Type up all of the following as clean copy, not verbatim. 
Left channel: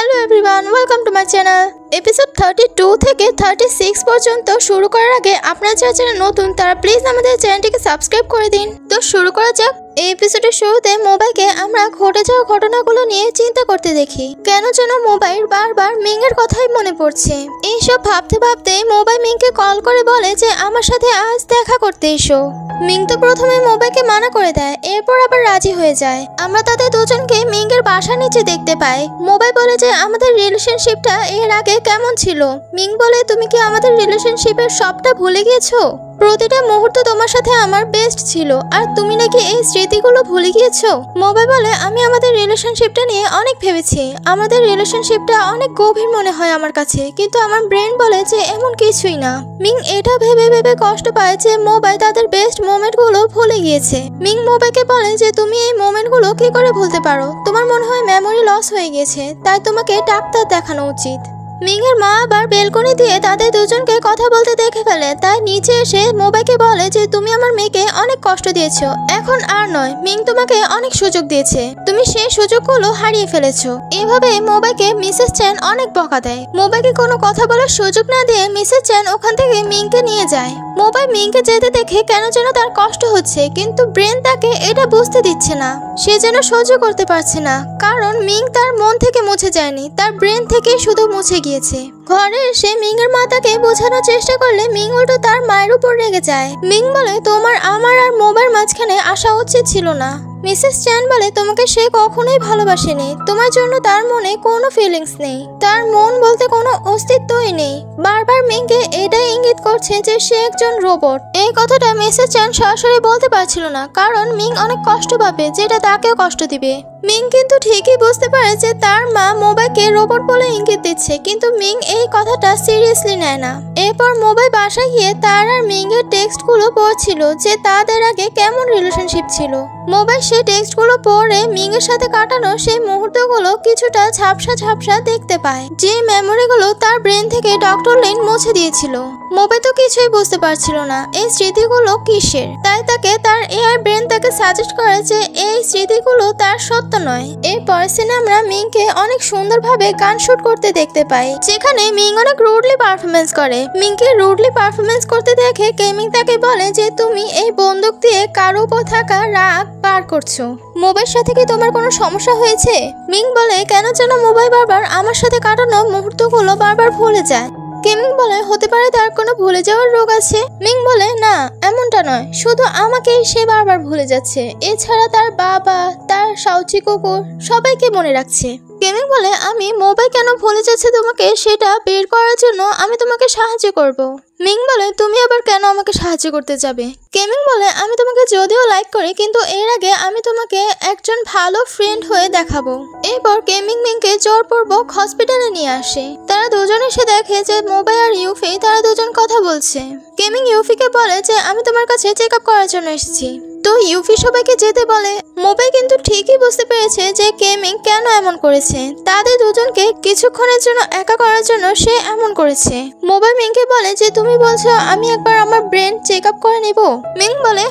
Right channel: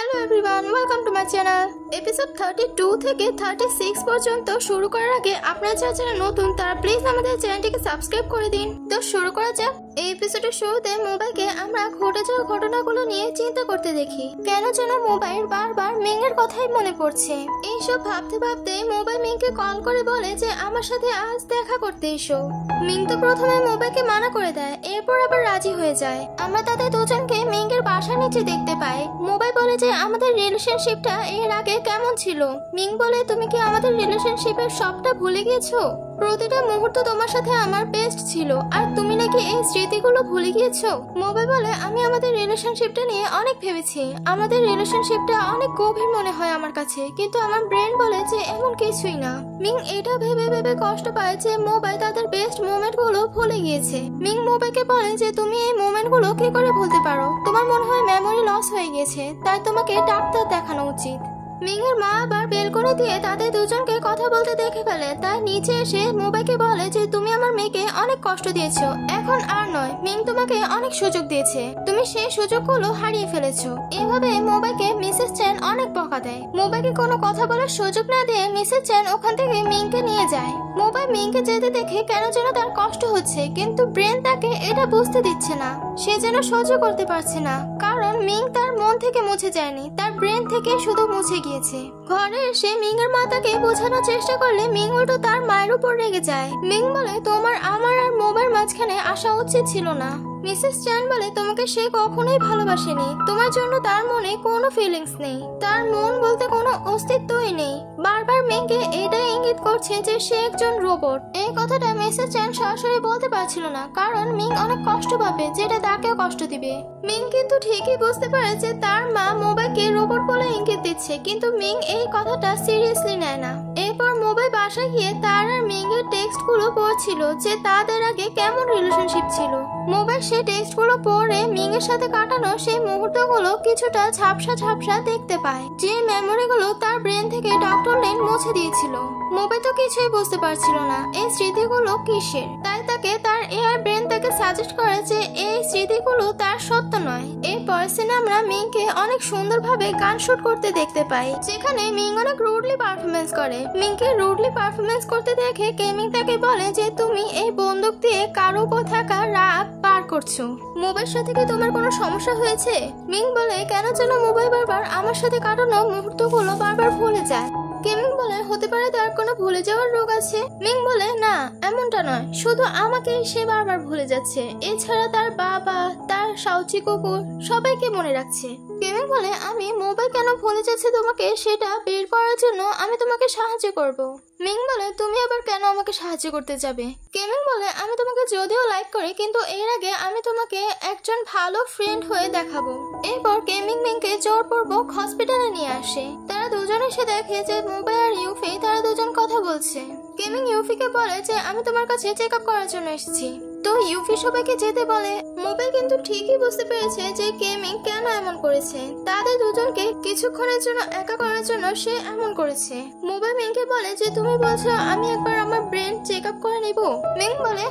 Hello everyone, welcome to my channel. Episode 32 থেকে 36 পর্যন্ত শুরু করার আগে আপনারা যারা চ্যানেল নতুন তারা প্লিজ আমাদের চ্যানেলটিকে সাবস্ক্রাইব করে দিন। তো শুরু করা যাক। এই এপিসোডের শুরুতে মোবাইলকে আমরা ঘটে যাওয়া ঘটনাগুলো নিয়ে চিন্তা করতে দেখি। কেন যেন মোবাইল বারবার মিং এর কথাই মনে পড়ছে। এইসব ভাবতে ভাবতে মোবাইল মিংকে কল করে বলে যে আমার সাথে আজ দেখা করতে এসো। মিং তো প্রথমে মোবাইলকে মানা করে দেয়, এরপর আবার রাজি হয়ে যায়। আমরা তাদের দুজনকে মিং এর বাসার নিচে দেখতে পাই। মোবাইল বলে যে আমাদের রিলেশনশিপটা এর আগে কেমন ছিল। মিং বলে তুমি কি আমাদের রিলেশনশিপের সবটা ভুলে গিয়েছো? প্রতিটা মুহূর্ত তোমার সাথে আমার বেস্ট ছিল, আর তুমি নাকি এই স্মৃতিগুলো ভুলে গিয়েছো। মোবাইল বলে আমি আমাদের রিলেশনশিপটা নিয়ে অনেক ভেবেছি, আমাদের রিলেশনশিপটা অনেক গভীর মনে হয় আমার কাছে, কিন্তু আমার ব্রেন বলে যে এমন কিছুই না। মিং এটা ভেবে ভেবে কষ্ট পায় যে মোবাইল তাদের বেস্ট মোমেন্টগুলো ভুলে গিয়েছে। মিং মোবাইলকে বলে যে তুমি এই মোমেন্টগুলো কি করে ভুলতে পারো? তোমার মনে হয় মেমোরি লস হয়ে গেছে, তাই তোমাকে ডাক্তার দেখানো উচিত। মিং এর মা আবার বেলকনি দিয়ে তাদের দুজনকে কথা বলতে দেখে ফেলে, তাই নিচে এসে মোবাইলকে বলে যে তুমি আমার মেয়েকে অনেক কষ্ট দিয়েছো, এখন আর নয়। মিং তোমাকে অনেক সুযোগ দিয়েছে, তুমি সেই সুযোগগুলো হারিয়ে ফেলেছো। এভাবে মোবাইলকে মিসেস চ্যান অনেক বকা দেয়। মোবাইলকে কোনো কথা বলার সুযোগ না দিয়ে মিসেস চ্যান ওখান থেকে মিংকে নিয়ে যায়। মোবাইল মিংকে যেতে দেখে কেন যেন তার কষ্ট হচ্ছে, কিন্তু ব্রেন তাকে এটা বুঝতে দিচ্ছে না। সে যেন সহ্য করতে পারছে না, কারণ মিং তার মন থেকে মুছে যায়নি, তার ব্রেন থেকে শুধু মুছে গিয়েছে। ঘরে এসে মিং এর মা তাকে বোঝানোর চেষ্টা করলে মিং উল্টো তার মায়ের উপর রেগে যায়। মিং বলে তোমার আমার আর মোবাইল মাঝখানে আসা উচিত ছিল না। মিসেস চ্যান বলে তোমাকে সে কখনোই ভালোবাসেনি, তোমার জন্য তার মনে কোনো ফিলিংস নেই, তার মন বলতে কোনো অস্তিত্বই নেই। বারবার মিংকে এটাই ইঙ্গিত করছে যে সে একজন রোবট। এই কথাটা মিসেস চ্যান সরাসরি বলতে পারছিল না, কারণ মিং অনেক কষ্ট পাবে, যেটা তাকেও কষ্ট দিবে। মিং কিন্তু ঠিকই বুঝতে পারে যে তার মা মোবাইলকে রোবট বলে ইঙ্গিত দিচ্ছে, কিন্তু মিং এই কথাটা সিরিয়াসলি নেয় না। এরপর মোবাইল বাসায় গিয়ে তার আর মিং এর টেক্সটগুলো পড়ছিল যে তাদের আগে কেমন রিলেশনশিপ ছিল। মোবাইল সেই টেক্সটগুলো পড়ে মিং এর সাথে কাটানো সেই মুহূর্তগুলো কিছুটা ঝাপসা ঝাপসা দেখতে পায়, যে মেমোরিগুলো তার ব্রেন থেকে ডক্টর লিন মুছে দিয়েছিল। মোবাইল তো কিছুই বুঝতে পারছিল না এই স্মৃতিগুলো কিসের, তাই তাকে তার এআই ব্রেন তাকে সাজেস্ট করে যে এই স্মৃতিগুলো তার সত্য নয়। এরপর সিনে আমরা মিংকে অনেক সুন্দরভাবে গান শুট করতে দেখতে পাই, যেখানে মিং অনেক রুডলি পারফরমেন্স করে। মিংকে রুডলি পারফরমেন্স করতে দেখে কেমিং তাকে বলে যে তুমি এই বন্দুক দিয়ে কারো উপর থাকা রাগ পার করছো, মোবাইলের সাথে কি তোমার কোনো সমস্যা হয়েছে? মিং বলে কেন যেন মোবাইল বারবার আমার সাথে কাটানো মুহূর্তগুলো বারবার ভুলে যায়। কেমিং বলে হতে পারে তার কোনো ভুলে যাওয়ার রোগ আছে। মিং বলে না, এমনটা নয়, শুধু আমাকেই সে বারবার ভুলে যাচ্ছে, এছাড়া তার বাবা, তার সাউচি কুকুর সবাইকে মনে রাখছে। কেমিং বলে আমি মোবাইল কেন ভুলে যাচ্ছে তোমাকে সেটা বের করার জন্য আমি তোমাকে সাহায্য করব। মিং বলে তুমি আবার কেন আমাকে সাহায্য করতে যাবে? কেমিং বলে আমি তোমাকে যদিও লাইক করি, কিন্তু এর আগে আমি তোমাকে একজন ভালো ফ্রেন্ড হয়ে দেখাবো। এরপর কেমিং মিংকে জোরপূর্বক হসপিটালে নিয়ে আসে। তারা দুজন এসে দেখে যে মোবাইল আর ইউফি তারা দুজন কথা বলছে। কেমিং ইউফিকে বলে যে আমি তোমার কাছে চেক আপ করার জন্য এসেছি। তো ইউফি সবাইকে যেতে বলে। মোবাইল কিন্তু ঠিকই বুঝতে পেরেছে যে কেমিং কেন এমন করেছে, তাদের দুজনকে কিছুক্ষণের জন্য একা করার জন্য সে এমন করেছে। মোবাইল মিংকে বলে যে তুমি বলছো আমি একবার আমার ব্রেন চেক আপ করে নেব। মিং বলে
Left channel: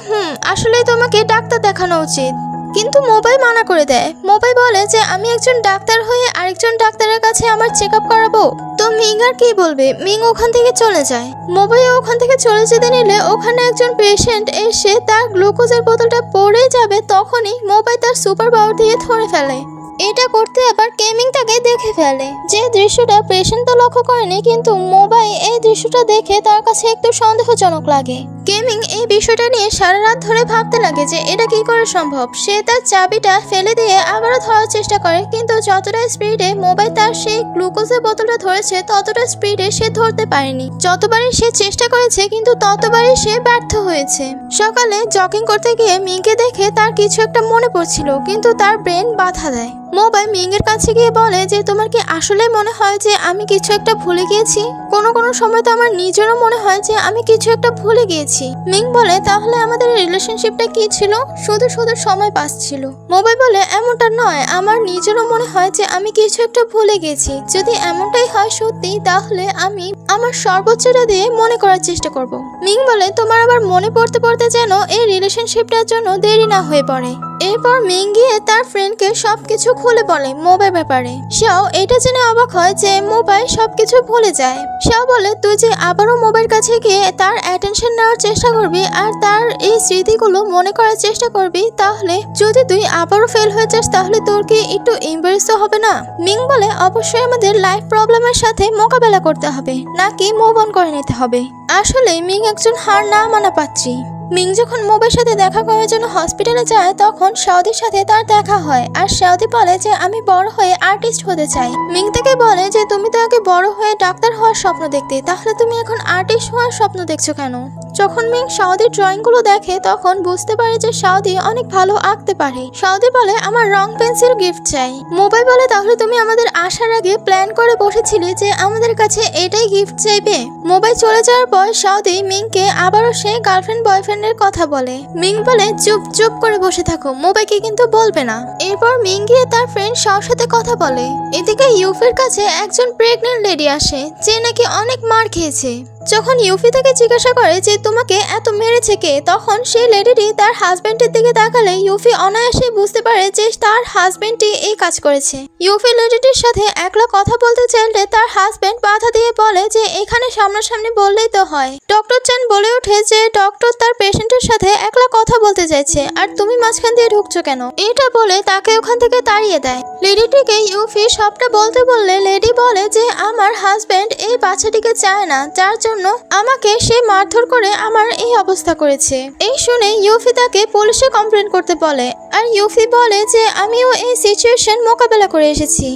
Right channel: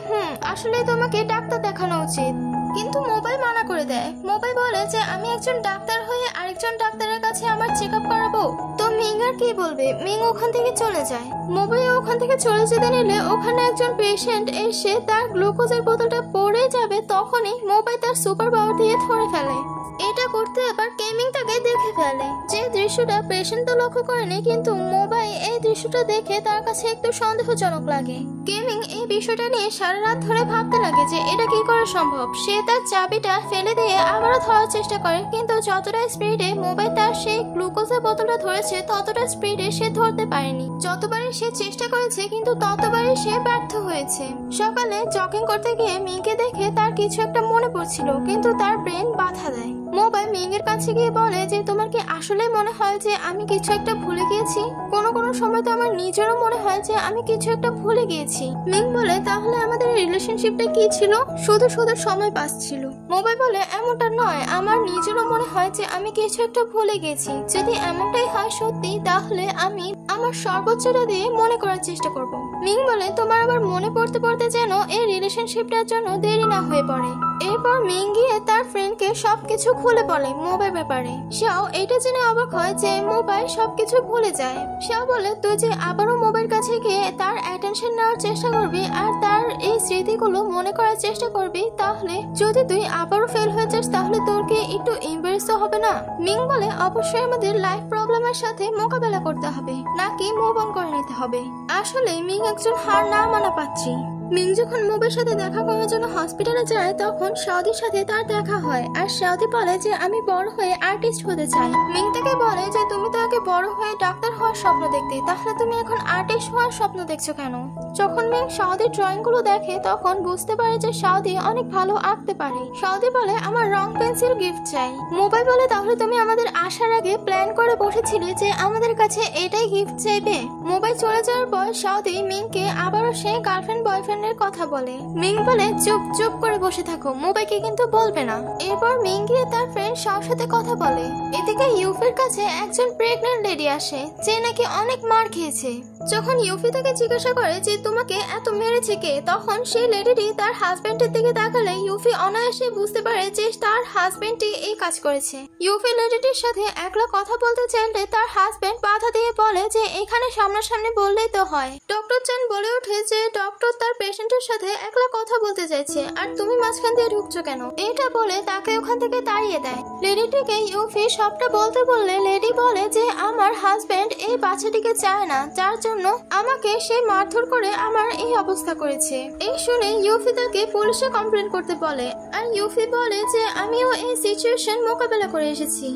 আসলে তোমাকে ডাক্তার দেখানো উচিত, কিন্তু মোবাইল মানা করে দেয়। মোবাইল বলে যে আমি একজন ডাক্তার হয়ে আরেকজন ডাক্তারের কাছে আমার চেক আপ করাবো। তো মিং আর কি বলবে, মিং ওখান থেকে চলে যায়। মোবাইল ওখান থেকে চলে যেতে নিলে ওখানে একজন পেশেন্ট এসে তার গ্লুকোজের বোতলটা পড়ে যাবে, তখনই মোবাইল তার সুপার পাওয়ার দিয়ে ধরে ফেলে। এটা করতে আবার কেমিং তাকে দেখে ফেলে। যে দৃশ্যটা পেশেন্ট তো লক্ষ্য করেনি, কিন্তু মোবাইল এই দৃশ্যটা দেখে তার কাছে একটু সন্দেহজনক লাগে। কেমিং এই বিষয়টা নিয়ে সারা রাত ধরে ভাবতে লাগে যে এটা কি করে সম্ভব। সে তার চাবিটা ফেলে দিয়ে আবারও ধরার চেষ্টা করে, কিন্তু যতটা স্পিডে মোবাইল তার সেই গ্লুকোজের বোতলটা ধরেছে ততটা স্পিডে সে ধরতে পারেনি। যতবারই সে চেষ্টা করেছে কিন্তু ততবারই সে ব্যর্থ হয়েছে। সকালে জগিং করতে গিয়ে মিংকে দেখে তার কিছু একটা মনে পড়ছিল, কিন্তু তার ব্রেন বাধা দেয়। মোবাইল মিং এর কাছে গিয়ে বলে যে তোমার কি আসলে মনে হয় যে আমি কিছু একটা ভুলে গিয়েছি? কোনো সময় তো আমার নিজেরও মনে হয় যে আমি কিছু একটা ভুলে গিয়েছি। মিং বলে তাহলে আমাদের রিলেশনশিপটা কি ছিল? শুধু শুধু সময় পাস ছিল। মোবাইল বলে এমনটা নয়, আমার নিজেরও মনে হয় যে আমি কিছু একটা ভুলে গেছি। যদি এমনটাই হয় সত্যি, তাহলে আমি আমার সর্বোচ্চটা দিয়ে মনে করার চেষ্টা করব। মিং বলে তোমার আবার মনে পড়তে পড়তে যেন এই রিলেশনশিপটার জন্য দেরি না হয়ে পড়ে। এরপর মিং গিয়ে তার ফ্রেন্ডকে সবকিছু খুলে বলে মোবাইল ব্যাপারে। সেও এটা জেনে অবাক হয় যে মোবাইল সবকিছু ভুলে যায়। সেও বলে তুই যে আবারও মোবাইল কাছে গিয়ে তার অ্যাটেনশন নেওয়ার চেষ্টা করবি আর তার এই স্মৃতিগুলো মনে করার চেষ্টা করবি, তাহলে যদি তুই আবারও ফেল হয়ে যাস তাহলে তোর কি একটু এম্বারেসড হবে না? মিং বলে অবশ্যই আমাদের লাইফ প্রবলেমের সাথে মোকাবেলা করতে হবে, নাকি মুভ অন করে নিতে হবে। আসলে মিং একজন হার না মানা পাত্রী। মিং যখন মোবের সাথে দেখা করার জন্য হসপিটালে যায় তখন সাউদির সাথে তার দেখা হয় আর সাউদি বলে যে আমি বড় হয়ে আর্টিস্ট হতে চাই। মিং তাকে বলে যে তুমি তো আগে বড় হয়ে ডাক্তার হওয়ার স্বপ্ন দেখতে, তাহলে তুমি এখন আর্টিস্ট হওয়ার স্বপ্ন দেখছো কেন? যখন মিং সাউদির ড্রয়িং গুলো দেখে তখন বুঝতে পারে যে সাউদি অনেক ভালো আঁকতে পারে। সাউদি বলে আমার রং পেন্সিল গিফট চাই। মোবাইল বলে তাহলে তুমি আমাদের আসার আগে প্ল্যান করে বসেছিলে যে আমাদের কাছে এটাই গিফট চাইবে। মোবাইল চলে যাওয়ার পর সাউদি মিংকে আবারও সেই গার্লফ্রেন্ড বয়ফ্রেন্ডের কথা বলে। মিং বলে চুপ চুপ করে বসে থাকো, মোবাইলকে কিন্তু বলবে না। এরপর মিং গিয়ে তার ফ্রেন্ড শাওর সাথে কথা বলে। এদিকে ইউফির কাছে একজন প্রেগন্যান্ট লেডি আসে যে নাকি অনেক মার খেয়েছে। যখন ইউফি তাকে জিজ্ঞাসা করে যে তোমাকে এত মেরেছে কে, তখন সেই লেডিটি তার হাজবেন্ডের দিকে তাকালে ইউফি অনায়াসে বুঝতে পারে যে তার হাজবেন্ডই এই কাজ করেছে। ইউফি লেডিটির সাথে একলা কথা বলতে চাইলে তার হাজবেন্ড বাধা দিয়ে বলে যে এখানে সামনাসামনি বললেই তো হয়। ডক্টর চেন বলে ওঠে যে ডক্টর তার পেশেন্টের সাথে একলা কথা বলতে চাইছে আর তুমি মাঝখান দিয়ে ঢুকছো কেন? এটা বলে তাকে ওখান থেকে তাড়িয়ে দেয়। লেডিটিকে ইউফি সবটা বলতে বললে লেডি বলে যে আমার হাজবেন্ড এই বাচ্চাটিকে চায় না, যার জন্য আমাকে সে মারধর করে আমার এই অবস্থা করেছে। এই শুনে ইউফি তাকে পুলিশে কমপ্লেন করতে বলে আর ইউফি বলে যে আমিও এই সিচুয়েশন মোকাবেলা করে এসেছি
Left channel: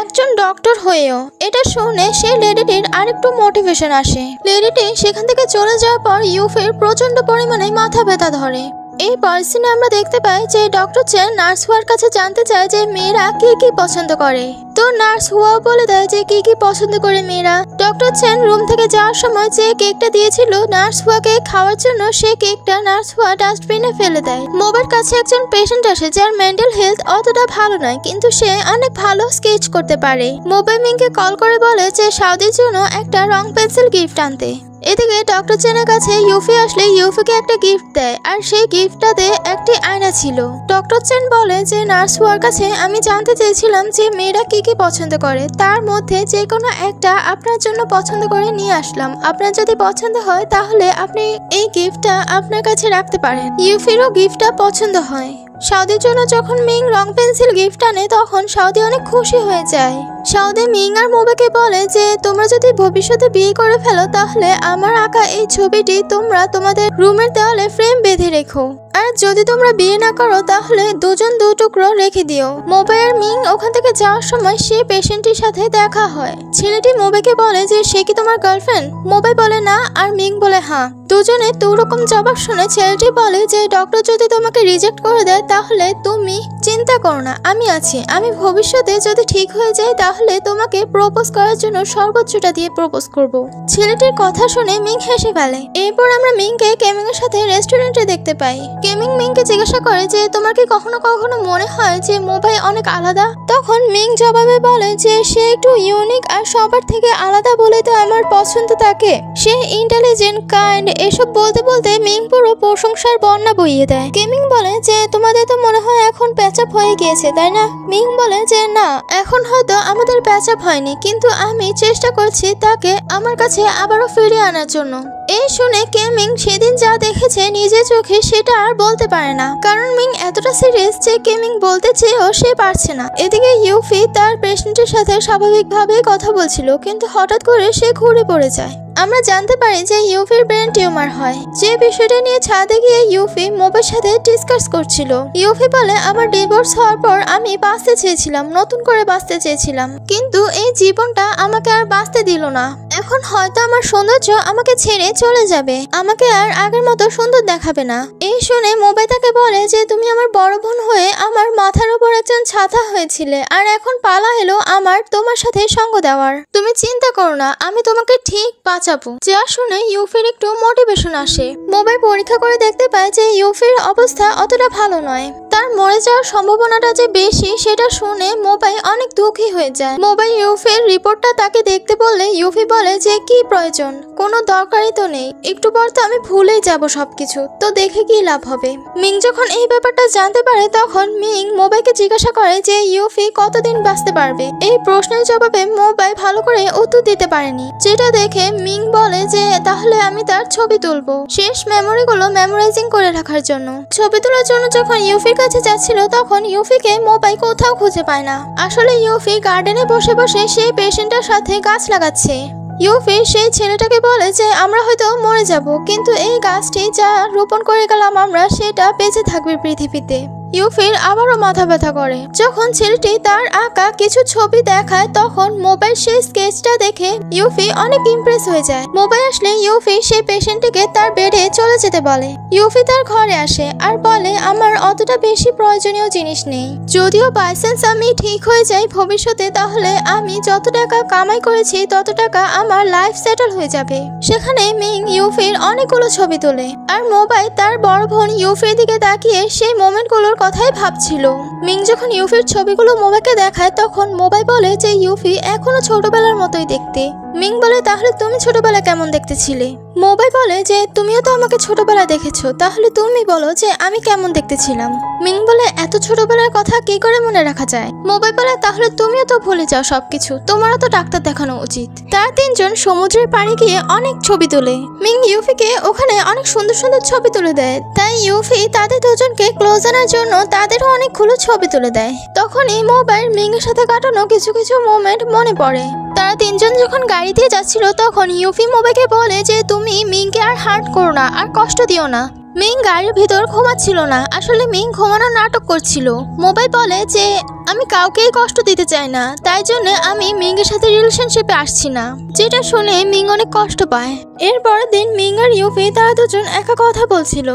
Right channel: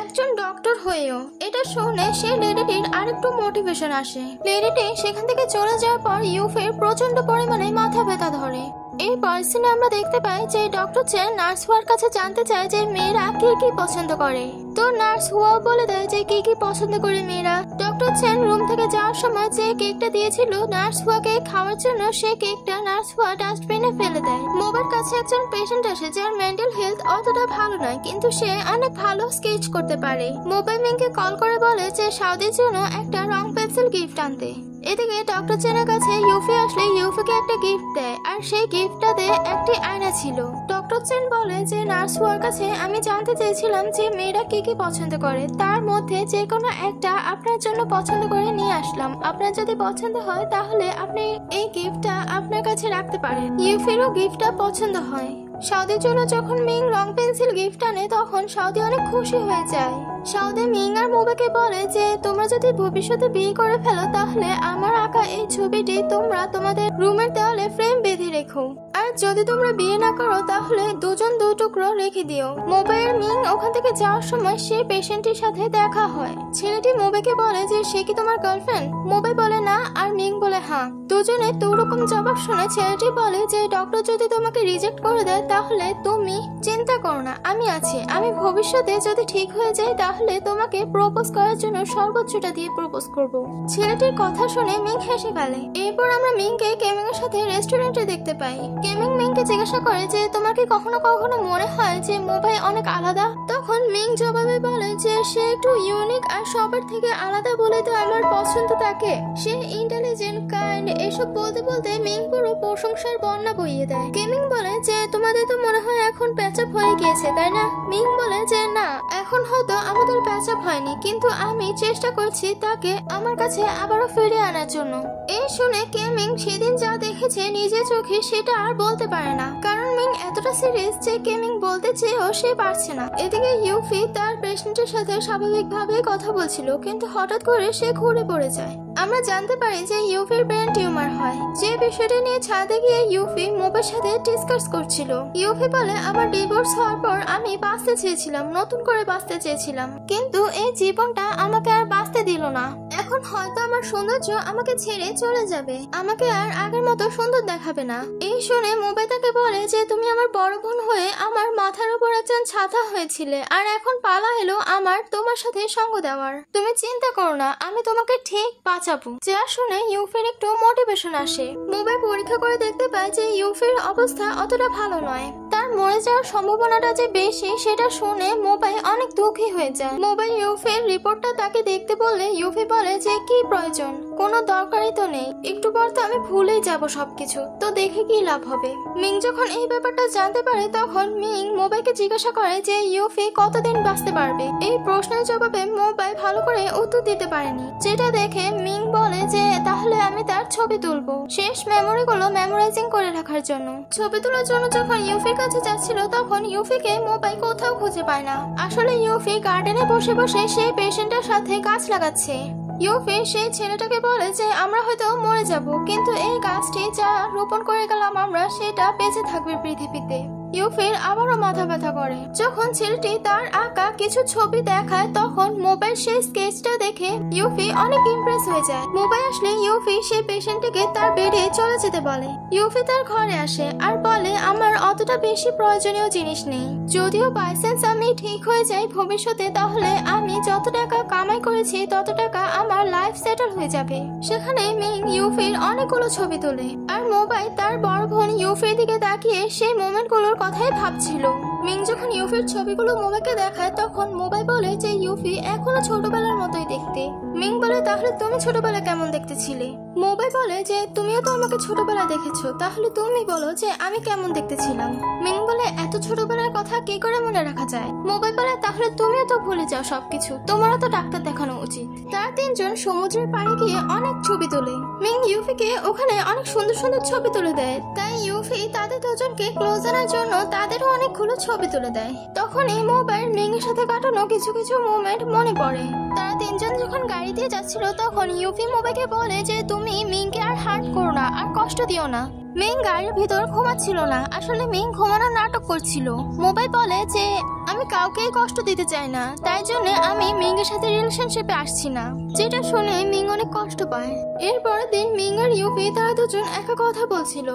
একজন ডক্টর হয়েও। এটা শুনে সেই লেডিটির আরেকটু মোটিভেশন আসে। লেডিটি সেখান থেকে চলে যাওয়ার পর ইউফির প্রচন্ড পরিমাণে মাথা ব্যথা ধরে। এই পার্সনে আমরা দেখতে পাই যে ডক্টর চেন নার্স হুয়ার কাছে জানতে চায় যে মেয়েরা কি কি পছন্দ করে। তো নার্স হুয়াও বলে দেয় যে কি কি পছন্দ করে মেয়েরা। ডক্টর চেন রুম থেকে যাওয়ার সময় যে কেকটা দিয়েছিল নার্স হুয়াকে খাওয়ার জন্য, সে কেকটা নার্স হুয়া ডাস্টবিনে ফেলে দেয়। মোবের কাছে একজন পেশেন্ট আসে যার মেন্টাল হেলথ অতটা ভালো নয়, কিন্তু সে অনেক ভালো স্কেচ করতে পারে। মোবে মিংকে কল করে বলে যে সাউদির জন্য একটা রং পেন্সিল গিফট আনতে। এদিকে ডক্টর চেনের কাছে ইউফি আসলে ইউফিকে একটা গিফট দেয় আর সেই গিফটটাতে একটি আয়না ছিল। ডক্টর চেন বলে যে নার্স হুয়ার কাছে আমি জানতে চেয়েছিলাম যে মেয়েরা কি কি পছন্দ করে, তার মধ্যে যে কোনো একটা আপনার জন্য পছন্দ করে নিয়ে আসলাম। আপনার যদি পছন্দ হয় তাহলে আপনি এই গিফটটা আপনার কাছে রাখতে পারেন। ইউফিরও গিফটটা পছন্দ হয়। সাউদির জন্য যখন মিং রং পেন্সিল গিফট আনে তখন সাউদি অনেক খুশি হয়ে যায়। সাউদি মিং আর মোবেকে বলে যে তোমরা যদি ভবিষ্যতে বিয়ে করে ফেলো তাহলে আমার আঁকা এই ছবিটি তোমরা তোমাদের রুমের দেওয়ালে ফ্রেম বেঁধে রেখো, আর যদি তোমরা বিয়ে না করো তাহলে দুজন দু টুকরো রেখে দিও। মোবে আর মিং ওখান থেকে যাওয়ার সময় সে পেশেন্টের সাথে দেখা হয়। ছেলেটি মোবেকে বলে যে সে কি তোমার গার্লফ্রেন্ড? মোবে বলে না আর মিং বলে হ্যাঁ। দুজনে দুরকম জবাব শুনে ছেলেটি বলে যে ডক্টর যদি তোমাকে রিজেক্ট করে দেয় তাহলে তুমি চিন্তা করো না, আমি আছি। আমি ভবিষ্যতে যদি ঠিক হয়ে যায় তাহলে তোমাকে প্রপোজ করার জন্য সর্বোচ্চটা দিয়ে প্রপোজ করব। ছেলেটির কথা শুনে মিং হেসে ফেলে। এরপর আমরা মিংকে কেমিং এর সাথে রেস্টুরেন্টে দেখতে পাই। কেমিং মিংকে জিজ্ঞাসা করে যে তোমার কি কখনো কখনো মনে হয় যে মোবাইল অনেক আলাদা? তখন মিং জবাবে বলে যে সে একটু ইউনিক আর সবার থেকে আলাদা বলে তো আমার পছন্দ তাকে। সে ইন্টেলিজেন্ট, কাইন্ড, এসব বলতে বলতে মিং পুরো প্রশংসার বন্যা বইয়ে দেয়। কেমিং বলে যে তোমাদের তো মনে হয় এখন প্যাচআপ হয়ে গিয়েছে তাই না? মিং বলে যে না, এখন হয়তো আমাদের প্যাচআপ হয়নি, কিন্তু আমি চেষ্টা করছি তাকে আমার কাছে আবারও ফিরিয়ে আনার জন্য। এই শুনে কেমিং সেদিন যা দেখেছে নিজের চোখে সেটা আর বলতে পারে না, কারণ মিং এতটা সিরিয়াস যে কেমিং বলতে চেয়েও সে পারছে না। এদিকে ইউফি তার পেশেন্টের সাথে স্বাভাবিকভাবে কথা বলছিল, কিন্তু হঠাৎ করে সে ঘুরে পড়ে যায়। আমরা জানতে পারি যে ইউফির ব্রেন টিউমার হয়। যে বিষয়টা নিয়ে ছাদে গিয়ে ইউফি মোবের সাথে ডিসকাস করছিল। ইউফি বলে আমার ডিভোর্স হওয়ার পর আমি বাঁচতে চেয়েছিলাম, নতুন করে বাঁচতে চেয়েছিলাম, কিন্তু এই জীবনটা আমাকে আর বাঁচতে দিল না। এখন হয়তো আমার সৌন্দর্য আমাকে ছেড়ে চলে যাবে, আমাকে আর আগের মতো সুন্দর দেখাবে না। এই শুনে মোবে তাকে বলে যে তুমি আমার বড় বোন হয়ে আমার মাথার উপর একজন ছাতা হয়েছিলে, আর এখন পালা এলো আমার তোমার সাথে সঙ্গ দেওয়ার। তুমি চিন্তা করো না, আমি তোমাকে ঠিক বাঁচাবো। যা শুনে ইউফির একটু মোটিভেশন আসে। মোবাইল পরীক্ষা করে দেখতে পায় যে ইউফির অবস্থা অতটা ভালো নয়। তার মরে যাওয়ার সম্ভাবনাটা যে বেশি সেটা শুনে মোবাই অনেক দুঃখী হয়ে যায়। মোবাই ইউফির রিপোর্টটা তাকে দেখতে বললে ইউফি বলে যে কি প্রয়োজন, কোনো দরকারই তো নেই, একটু পর তো আমি ভুলেই যাব সবকিছু, তো দেখে কি লাভ হবে। মিং যখন এই ব্যাপারটা জানতে পারে তখন মিং মোবাইকে জিজ্ঞাসা করে যে ইউফি কতদিন বাঁচতে পারবে। এই প্রশ্নের জবাবে মোবাই ভালো করে উত্তর দিতে পারেনি, যেটা দেখে মিং বলে যে তাহলে আমি তার ছবি তুলবো শেষ মেমোরিগুলো মেমোরাইজিং করে রাখার জন্য। ছবি তোলার জন্য যখন ইউফির কাছে যাচ্ছিল তখন ইউফিকে মোবাই কোথাও খুঁজে পায় না। আসলে ইউফি গার্ডেনে বসে বসে সেই পেশেন্টের সাথে গাছ লাগাচ্ছে। ইউফি সেই ছেলেটাকে বলে যে আমরা হয়তো মরে যাব, কিন্তু এই গাছটি যা রোপণ করে গেলাম আমরা সেটা বেঁচে থাকবে পৃথিবীতে। ইউফির আবারও মাথা ব্যথা করে। যখন ছেলেটি তার আঁকা কিছু ছবি দেখায় তখন মোবাইল সেই স্কেচটা দেখে ইউফি অনেক ইমপ্রেস হয়ে যায়। মোবাইল আসলে ইউফি সেই পেশেন্টটিকে তার বেডে চলে যেতে বলে। ইউফি তার ঘরে আসে আর বলে আমার অতটা বেশি প্রয়োজনীয় জিনিস নেই, যদিও বাইসেন্স আমি ঠিক হয়ে যাই ভবিষ্যতে তাহলে আমি যত টাকা কামাই করেছি তত টাকা আমার লাইফ সেটেল হয়ে যাবে। সেখানে মিং ইউফির অনেকগুলো ছবি তোলে আর মোবাইল তার বড় বোন ইউফির দিকে তাকিয়ে সেই মোমেন্টগুলোর কথাই ভাবছিল। মিং যখন ইউফির ছবিগুলো মোবাইলকে দেখায় তখন মোবাইল বলে যে ইউফি এখনো ছোটবেলার মতোই দেখতে। মিং বলে তাহলে তুমি ছোটবেলা কেমন দেখতে ছিলে? মোবাইল বলে যে তুমিও তো আমাকে ছোটবেলায় দেখেছো, তাহলে তুমি বলো যে আমি কেমন দেখতে ছিলাম। মিং বলে এত ছোটবেলার কথা কি করে মনে রাখা যায়? মোবাইল বলে তাহলে তুমিও তো ভুলে যাও সবকিছু, তোমারও তো ডাক্তার দেখানো উচিত। তারা তিনজন সমুদ্রের পাড়ে গিয়ে অনেক ছবি তোলে। মিং ইউফিকে ওখানে অনেক সুন্দর সুন্দর ছবি তুলে দেয়, তাই ইউফি তাদের দুজনকে ক্লোজ আনার জন্য তাদেরও অনেকগুলো ছবি তুলে দেয়। তখনই মোবাইল মিং এর সাথে কাটানো কিছু কিছু মোমেন্ট মনে পড়ে। তারা তিনজন যখন গাড়ি দিয়ে যাচ্ছিল তখন ইউফি মোবাইলকে বলে যে তুমি মিংকে আর হার্ট করো না, আর কষ্ট দিও না। মিং গাড়ির ভিতর ঘুমাচ্ছিল না, আসলে মিং ঘুমানোর নাটক করছিল। মোবাইল বলে যে আমি কাউকেই কষ্ট দিতে চাই না, তাই জন্য আমি মিং এর সাথে রিলেশনশিপে আসছি না। যেটা শুনে মিং অনেক কষ্ট পায়। এরপরের দিন মিং আর ইউফি তারা দুজন একা কথা বলছিল।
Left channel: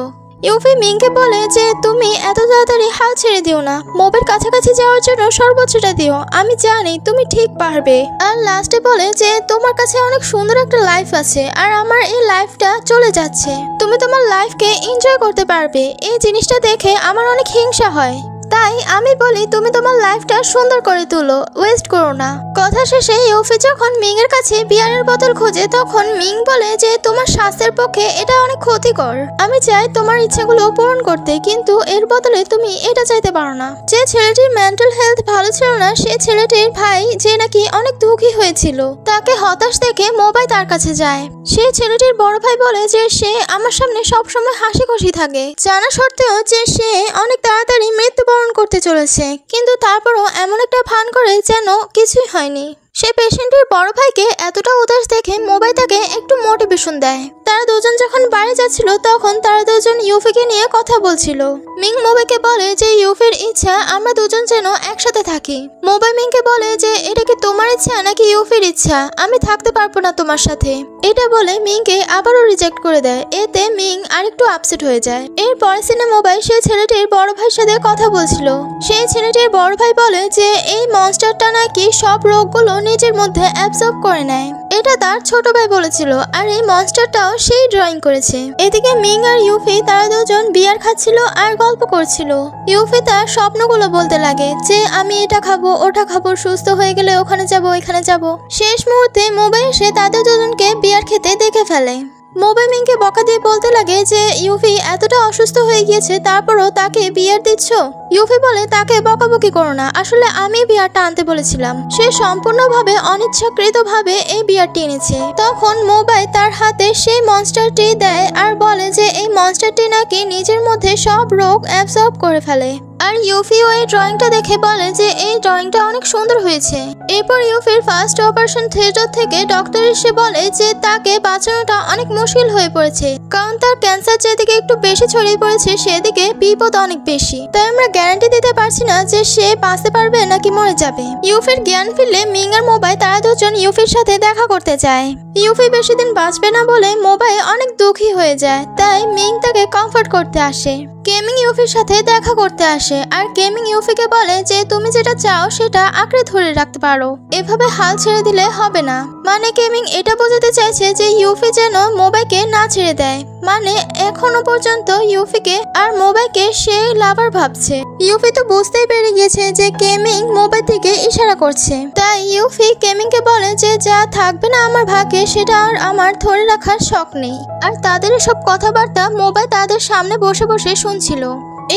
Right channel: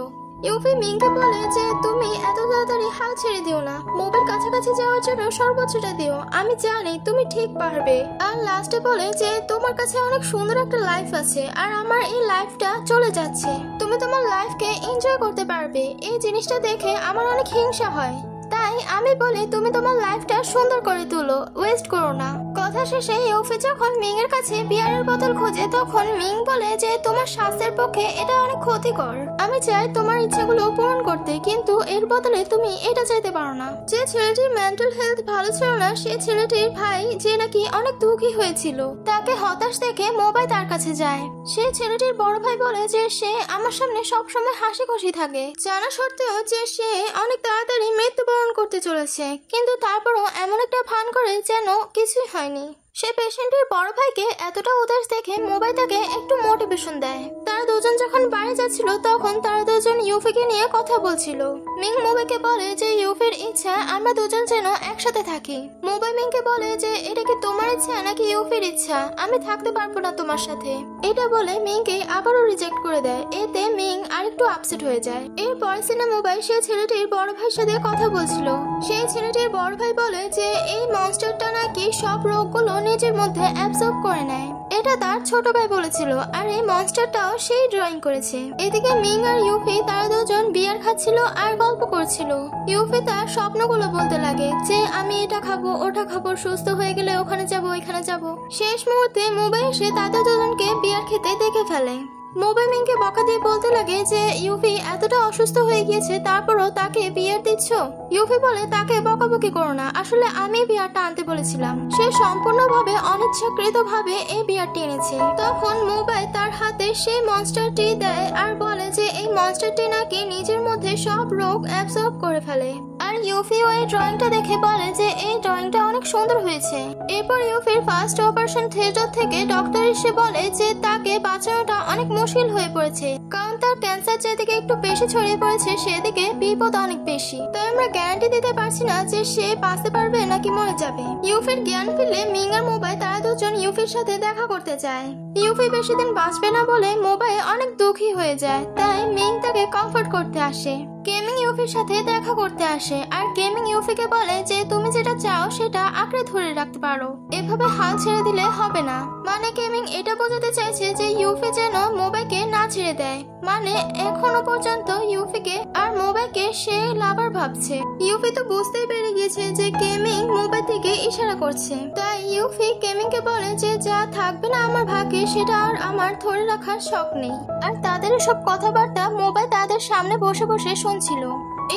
ইউফি মিংকে বলে যে তুমি এত তাড়াতাড়ি হাল ছেড়ে দিও না, মোবাইল কাছাকাছি যাওয়ার জন্য সর্বোচ্চটা দিও, আমি জানি তুমি ঠিক পারবে। আর লাস্টে বলে যে তোমার কাছে অনেক সুন্দর একটা লাইফ আছে আর আমার এই লাইফটা চলে যাচ্ছে, তুমি তোমার লাইফকে এনজয় করতে পারবে। এই জিনিসটা দেখে আমার অনেক হিংসা হয়, তাই আমি বলি তুমি তোমার লাইফটা সুন্দর করে তুলো, ওয়েস্ট করো না। কথা শেষে ইউফি যখন মিং এর কাছে বিয়ারের বোতল খোঁজে তখন মিং বলে যে তোমার স্বাস্থ্যের পক্ষে এটা অনেক ক্ষতিকর, আমি চাই তোমার ইচ্ছাগুলো পূরণ করতে, কিন্তু এর বদলে তুমি এটা চাইতে পারো না। যে ছেলেটির মেন্টাল হেলথ ভালো ছিল না সে ছেলেটির ভাই যে নাকি অনেক দুঃখী হয়েছিল, তাকে হতাশ দেখে মোবাইল তার কাছে যায়। সে ছেলেটির বড় ভাই বলে যে সে আমার সামনে সবসময় হাসি খুশি থাকে, জানা সত্ত্বেও যে সে অনেক তাড়াতাড়ি মৃত্যুবরণ করতে চলেছে, কিন্তু তারপরও এমন একটা ভান করে যেন কিছুই হয়নি। সে পেশেন্টের বড় ভাইকে এতটা উদাস দেখে মোবাইল তাকে একটু মোটিভেশন দেয়। তারা দুজন যখন বাড়ি যাচ্ছিল তখন তারা দুজন ইউফিকে নিয়ে কথা বলছিল। মিং মোবাইলকে বলে যে ইউফির ইচ্ছা আমরা দুজন যেন একসাথে থাকি। মোবাইল মিংকে বলে যে এটা কি তোমার ইচ্ছা নাকি ইউফির ইচ্ছা, আমি থাকতে পারবো না তোমার সাথে। এটা বলে মিংকে আবারও রিজেক্ট করে দেয়, এতে মিং আরেকটু আপসেট হয়ে যায়। এরপর সিনে মোবাইল সে ছেলেটির বড় ভাইয়ের সাথে কথা বলছিল। সেই ছেলেটির বড় ভাই বলে যে এই মনস্টারটা নাকি সব রোগগুলো নিজের মধ্যে অ্যাবজর্ব করে নেয়, এটা তার ছোট ভাই বলেছিল, আর এই মনস্টারটাও সেই ড্রয়িং করেছে। এদিকে মিং আর ইউফি তারা দুজন বিয়ার খাচ্ছিল আর গল্প করছিল। ইউফি তার স্বপ্নগুলো বলতে লাগে যে আমি এটা খাবো ওটা খাবো, সুস্থ হয়ে গেলে ওখানে যাব এখানে যাব। শেষ মুহূর্তে মোবাইল এসে তাদের দুজনকে বিয়ার খেতে দেখে ফেলে। মোবাইল মিংকে বকা দিয়ে বলতে লাগে যে ইউফি এতটা অসুস্থ হয়ে গিয়েছে তারপরও তাকে বিয়ার দিচ্ছ। ইউফি বলে তাকে বকাবকি করো না, আসলে আমি বিয়ারটা আনতে বলেছিলাম, সে সম্পূর্ণভাবে অনিচ্ছাকৃতভাবে এই বিয়ারটি এনেছে। তখন মোবাইল তার হাতে সেই মনস্টারটি দেয় আর বলে যে এই মনস্টারটি নাকি নিজের মধ্যে সব রোগ অ্যাবজর্ব করে ফেলে। আর ইউফিও এই ড্রয়িংটা দেখে বলে যে এই ড্রয়িংটা অনেক সুন্দর হয়েছে। এরপর ইউফির ফার্স্ট অপারেশন থিয়েটার থেকে ডক্টর এসে বলে যে তাকে বাঁচানোটা অনেক মুশকিল হয়ে পড়েছে, কারণ তার ক্যান্সার যেদিকে একটু বেশি ছড়িয়ে পড়েছে সেদিকে বিপদ অনেক বেশি, তাই আমরা গ্যারান্টি দিতে পারছি না যে সে বাঁচতে পারবে নাকি মরে যাবে। ইউফির জ্ঞান ফিরলে মিং আর মোবাইল তারা দুজন ইউফির সাথে দেখা করতে চায়। ইউফি বেশি দিন বাঁচবে না বলে মোবাইল অনেক দুঃখী হয়ে যায়, তাই মিং তাকে কমফর্ট করতে আসে। গেমিং ইউফির সাথে দেখা করতে আসে। আসে আর গেমিং ইউফিকে বলে যে তুমি যেটা চাও সেটা আঁকড়ে ধরে রাখতে পারো, এভাবে হাল ছেড়ে দিলে হবে না। মানে গেমিং এটা বোঝাতে চাইছে যে ইউফি যেন মোবাইকে না ছেড়ে দেয়, মানে এখনো পর্যন্ত ইউফিকে আর মোবাইকে সে লাভার ভাবছে। ইউফি তো বুঝতেই পেরে গিয়েছে যে গেমিং মোবাইল থেকে ইশারা করছে, তাই ইউফি গেমিংকে বলে যে যা থাকবে না আমার ভাগ্যে সেটা আর আমার ধরে রাখার শখ নেই। আর তাদের সব কথাবার্তা মোবাইল তাদের সামনে বসে বসে শুনছিল।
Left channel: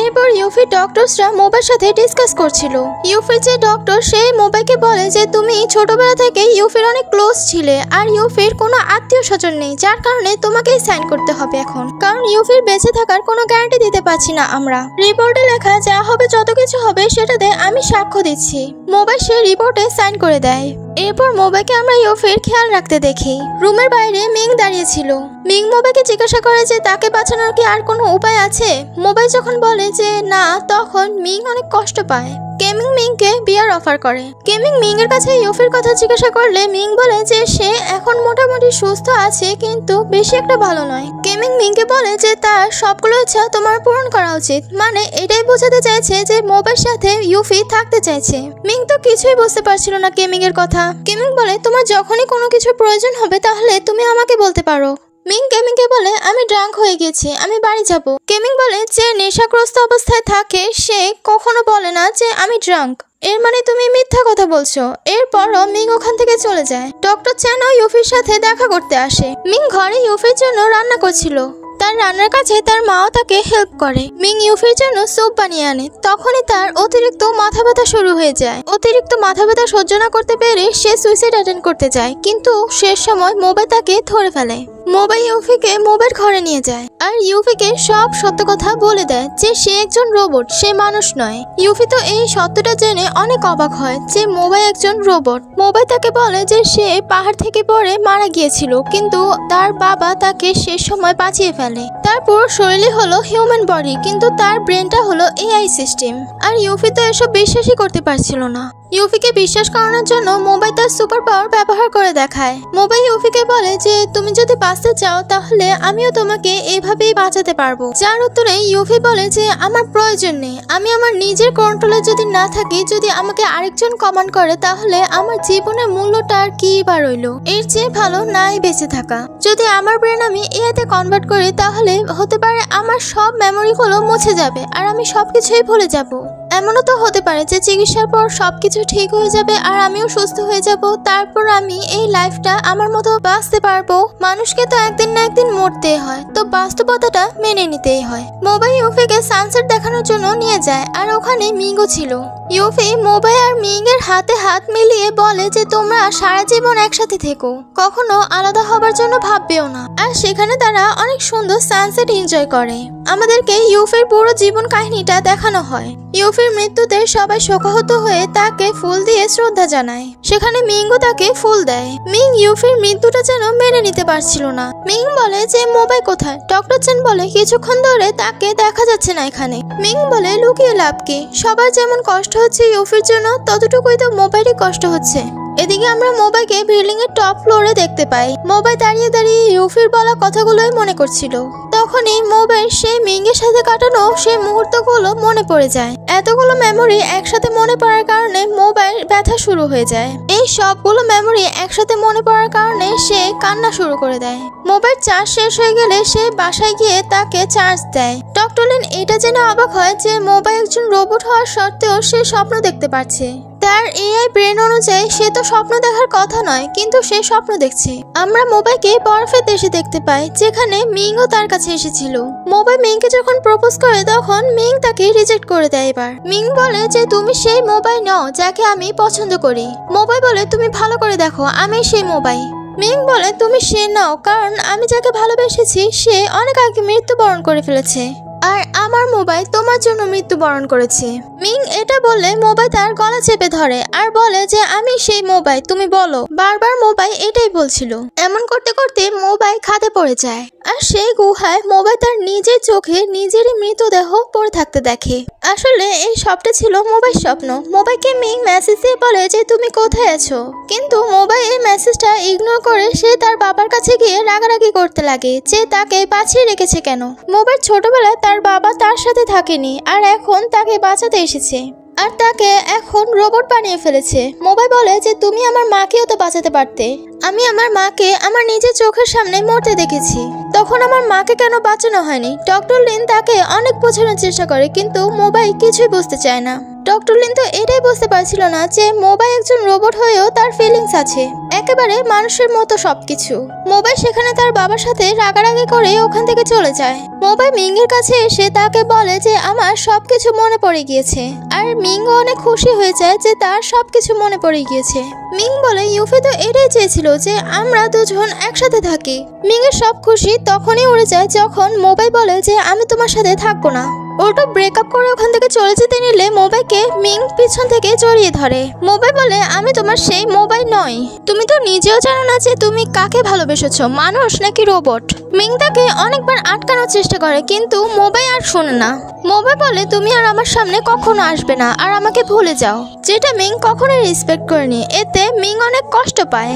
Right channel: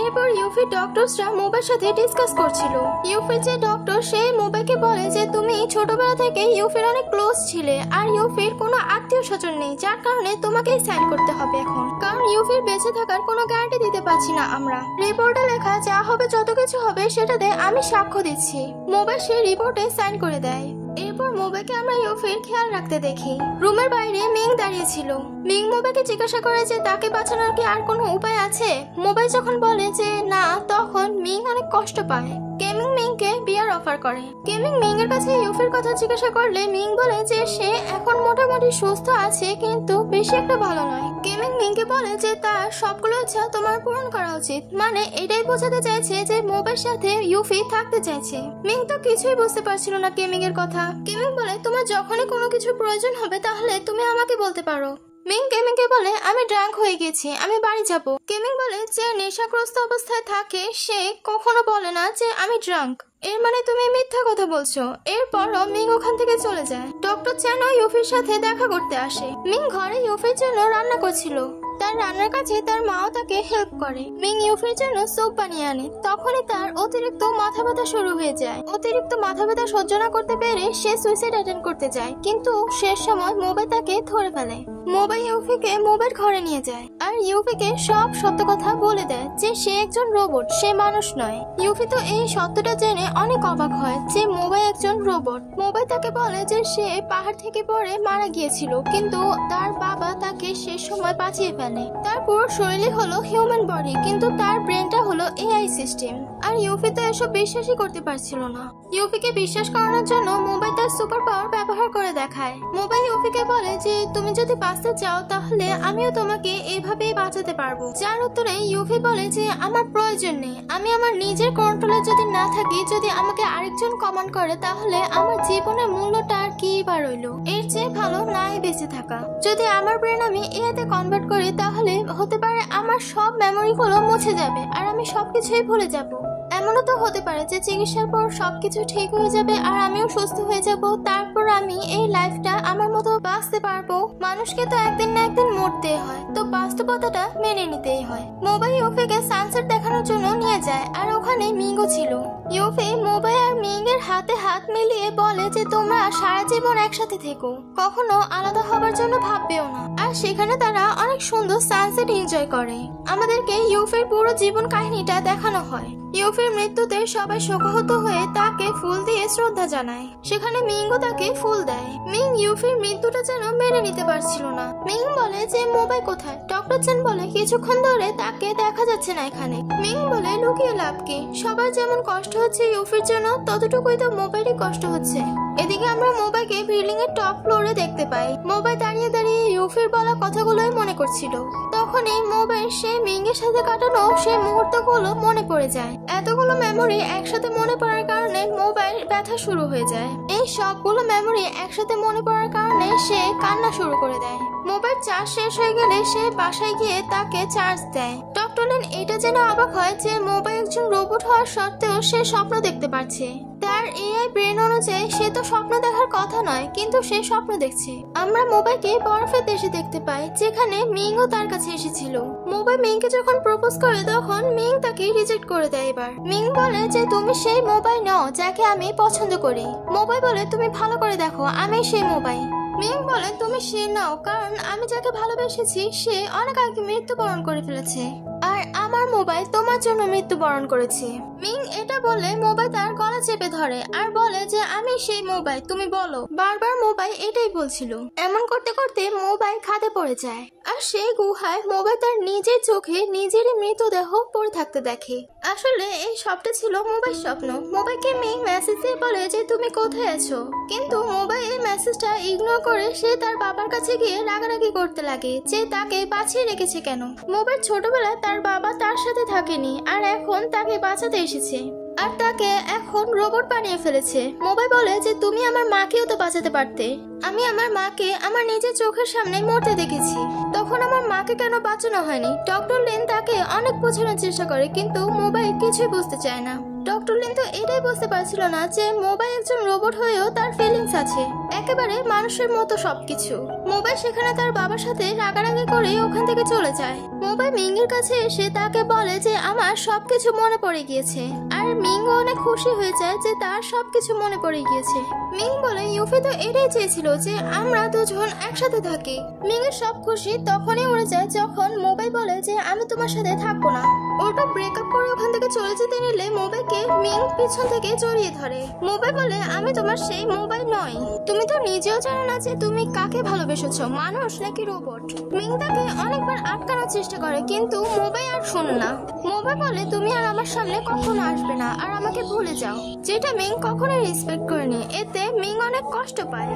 এরপর ইউফির ডক্টরসরা মোবাইল সাথে ডিসকাস করছিল। ইউফির যে ডক্টর সে মোবাইলকে বলে যে তুমি ছোটবেলা থেকে ইউফির অনেক ক্লোজ ছিলে আর ইউফির কোনো আত্মীয় স্বজন নেই, যার কারণে তোমাকেই সাইন করতে হবে এখন, কারণ ইউফির বেঁচে থাকার কোনো গ্যারান্টি দিতে পারছি না আমরা। রিপোর্টে লেখা যা হবে যত কিছু হবে সেটাতে আমি সাক্ষ্য দিচ্ছি। মোবাইল সে রিপোর্টে সাইন করে দেয়। এরপর মোবাইলকে আমরা ইউফির খেয়াল রাখতে দেখি। রুমের বাইরে মিং দাঁড়িয়ে ছিল। মিং মোবাইলকে জিজ্ঞাসা করে যে তাকে বাঁচানোর কি আর কোনো উপায় আছে। মোবাইল যখন বলে যে না, তখন মিং অনেক কষ্ট পায়। গেমিং মিংকে বিয়ার অফার করে। গেমিং মিং এর কাছে ইউফির কথা জিজ্ঞাসা করলে মিং বলে যে সে এখন মোটামুটি সুস্থ আছে কিন্তু বেশি একটা ভালো নয়। গেমিং মিংকে বলে যে তার সবগুলো ইচ্ছা তোমার পূরণ করা উচিত, মানে এটাই বোঝাতে চাইছে যে মোবাইল সাথে ইউফি থাকতে চাইছে। মিং তো কিছুই বুঝতে পারছিল না গেমিং এর কথা। গেমিং বলে তোমার যখনই কোনো কিছু প্রয়োজন হবে তাহলে তুমি আমাকে বলতে পারো। মিং গেমিংকে বলে আমি ড্রাঙ্ক হয়ে গেছি, আমি বাড়ি যাব। গেমিং বলে যে নেশাগ্রস্ত অবস্থায় থাকে সে কখনো বলে না যে আমি ড্রাঙ্ক, এর মানে তুমি মিথ্যা কথা বলছো। এরপরও মিং ওখান থেকে চলে যায়। ডক্টর চ্যানও ইউফির সাথে দেখা করতে আসে। মিং ঘরে ইউফির জন্য রান্না করছিল। তার রান্নার কাছে তার মাও তাকে হেল্প করে। মিং ইউফির জন্য স্যুপ বানিয়ে আনে। তখনই তার অতিরিক্ত মাথা ব্যথা শুরু হয়ে যায়। অতিরিক্ত মাথা ব্যথা সহ্য না করতে পেরে সে সুইসাইড অ্যাটেম্প করতে যায়, কিন্তু শেষ সময় মোবাইল তাকে ধরে ফেলে। মোবাইল ইউফিকে মোবাইল ঘরে নিয়ে যায় আর ইউফিকে সব সত্য কথা বলে দেয় যে সে একজন রোবট, সে মানুষ নয়। ইউফি তো এই সত্যটা জেনে অনেক অবাক হয় যে মোবাইল একজন রোবট। মোবাইল তাকে বলে যে সে পাহাড় থেকে পড়ে মারা গিয়েছিল, কিন্তু তার বাবা তাকে শেষ সময় বাঁচিয়ে ফেলে। তার পুরো শরীরই হলো হিউম্যান বডি, কিন্তু তার ব্রেনটা হলো এআই সিস্টেম। আর ইউফি তো এসব বিশ্বাসই করতে পারছিল না। ইউফিকে বিশ্বাস করানোর জন্য মোবাইল তার সুপার পাওয়ার ব্যবহার করে দেখায়। মোবাইল ইউফিকে বলে যে তুমি যদি বাঁচতে চাও তাহলে আমিও তোমাকে এইভাবেই বাঁচাতে পারবো। যার উত্তরে ইউফি বলে যে আমার প্রয়োজন নেই, আমি আমার নিজের কন্ট্রোলে যদি না থাকি, যদি আমাকে আরেকজন কমান্ড করে তাহলে আমার জীবনের মূল্যটা আর কি বা রইল। এর চেয়ে ভালো নাই বেঁচে থাকা। যদি আমার ব্রেন আমি এআইতে কনভার্ট করি তাহলে হতে পারে আমার সব মেমোরিগুলো মুছে যাবে আর আমি সবকিছুই ভুলে যাব। এমনও তো হতে পারে যে চিকিৎসার পর সবকিছু ঠিক হয়ে যাবে আর আমিও সুস্থ হয়ে যাব, তারপর আমি এই লাইফটা আমার মতো বাঁচতে পারবো। মানুষকে তো একদিন না একদিন মরতেই হয়, তো বাস্তবতাটা মেনে নিতেই হয়। মোবাইল ইউফিকে সানসেট দেখানোর জন্য নিয়ে যায় আর ওখানে মিংও ছিল। ইউফি মোবাইল আর মিং এর হাতে হাত মিলিয়ে বলে যে তোমরা সারা জীবন একসাথে থেকো, কখনো আলাদা হবার জন্য ভাববেও না। আর সেখানে তারা অনেক সুন্দর সানসেট এনজয় করে। আমাদেরকে ইউফির পুরো জীবন কাহিনীটা দেখানো হয়। ইউফির মৃত্যুতে সবাই শোকাহত হয়ে তাকে ফুল দিয়ে শ্রদ্ধা জানায়। সেখানে মিংও তাকে ফুল দেয়। মিং ইউফির মৃত্যুটা যেন মেনে নিতে পারছিল না। মিং বলে যে মোবাইল কোথায়। ডক্টর চেন বলে কিছুক্ষণ ধরে তাকে দেখা যাচ্ছে না এখানে। মিং বলে লুকিয়ে লাভ কি, সবার যেমন কষ্ট হচ্ছে ইউফির জন্য ততটুকুই তো মোবাইলই কষ্ট হচ্ছে। এদিকে আমরা মোবাইলকে বিল্ডিং এর টপ ফ্লোরে দেখতে পাই। মোবাইল দাঁড়িয়ে দাঁড়িয়ে ইউফির বলা কথাগুলোই মনে করছিল। তখনই মোবাইল সে মিং এর সাথে কাটানো সেই মুহূর্তগুলো মনে পড়ে যায়। এতগুলো মেমোরি একসাথে মনে পড়ার কারণে মোবাইল ব্যথা শুরু হয়ে যায়। এই সবগুলো মেমোরি একসাথে মনে পড়ার কারণে সে কান্না শুরু করে দেয়। মোবাইল চার্জ শেষ হয়ে গেলে সে বাসায় গিয়ে তাকে চার্জ দেয়। ডক্টর লিন এটা জেনে অবাক হয় যে মোবাইল একজন রোবট হওয়ার সত্ত্বেও সে স্বপ্ন দেখতে পারছে। তার এআই ব্রেন অনুযায়ী সে তো স্বপ্ন দেখার কথা নয়, কিন্তু সে স্বপ্ন দেখছে। আমরা মোবাইলকে বরফের দেশে দেখতে পাই যেখানে মিংও তার কাছে এসেছিল। মোবাইল মিংকে যখন প্রপোজ করে তখন মিং তাকে রিজেক্ট করে দেয়। এবার মিং বলে যে তুমি সেই মোবাইল নও যাকে আমি পছন্দ করি। মোবাইল বলে তুমি ভালো করে দেখো, আমি সেই মোবাইল। মিং বলে তুমি সে নাও, কারণ আমি যাকে ভালোবেসেছি সে অনেক আগে মৃত্যুবরণ করে ফেলেছে আর আমার মোবাইল তোমার জন্য মৃত্যুবরণ করেছে। মিং এটা বললে মোবাইল তার গলা চেপে ধরে আর বলে যে আমি সেই মোবাইল, তুমি বলো। বারবার মোবাইল এটাই বলছিল। এমন করতে করতে মোবাইল খাদে পড়ে যায় আর সেই গুহায় মোবাইল তার নিজের চোখে নিজেরই মৃতদেহ পড়ে থাকতে দেখে। আসলে এই সবটা ছিল মোবাইল স্বপ্ন। মোবাইলকে মিং মেসেজ দিয়ে বলে যে তুমি কোথায় আছো, কিন্তু মোবাইল এই মেসেজটা ইগনোর করে সে তার বাবার কাছে গিয়ে রাগারাগি করতে লাগে যে তাকে বাঁচিয়ে রেখেছে কেন। মোবাইল ছোটবেলায় তার বাবা তার সাথে থাকেনি আর এখন তাকে বাঁচাতে এসেছে আর তাকে এখন রোবট বানিয়ে ফেলেছে। মোবাই বলে যে তুমি আমার মাকেও তো বাঁচাতে পারতে। আমি আমার মাকে আমার নিজের চোখের সামনে মরতে দেখেছি, তখন আমার মাকে কেন বাঁচানো হয়নি? ডক্টর লিন তাকে অনেক বোঝানোর চেষ্টা করে কিন্তু মোবাই কিছুই বুঝতে চায় না। ডক্টর লিন তো এটাই বুঝতে পারছিল না যে মোবাই একজন রোবট হয়েও তার ফিলিংস আছে, একেবারে মানুষের মতো সবকিছু। মোবাই সেখানে তার বাবার সাথে রাগারাগি করে ওখান থেকে চলে যায়। মোবাই মিংয়ের কাছে এসে তাকে বলে যে আমার সবকিছু মনে পড়ে গিয়েছে, আর মিংও অনেক খুশি হয়ে যায় যে তার সবকিছু মনে পড়ে গিয়েছে। মিং বলে ইউফি তো এটাই চেয়েছিল যে আমরা দুজন একসাথে থাকি। মিংয়ের সব খুশি তখনই উড়ে যায় যখন মোবাই বলে যে আমি তোমার সাথে থাকবো না। ওটা ব্রেকআপ করে ওখান থেকে চলে যেতে নিলে মোবাইকে মিং পিছন থেকে জড়িয়ে ধরে। মোবাই বলে আমি তোমার সেই মোবাই নই, তুমি তো নিজেও জানো না যে তুমি কাকে ভালোবেসেছো, মানুষ নাকি রোবট। মিং তাকে অনেকবার আটকানোর চেষ্টা করে কিন্তু মোবাই আর শোনে না। মোবাই বলে তুমি আর আমার সামনে কখনো আসবে না আর আমাকে ভুলে যাও, যেটা মিং কখনোই রেসপেক্ট করেনি। এতে মিং অনেক কষ্ট পায়।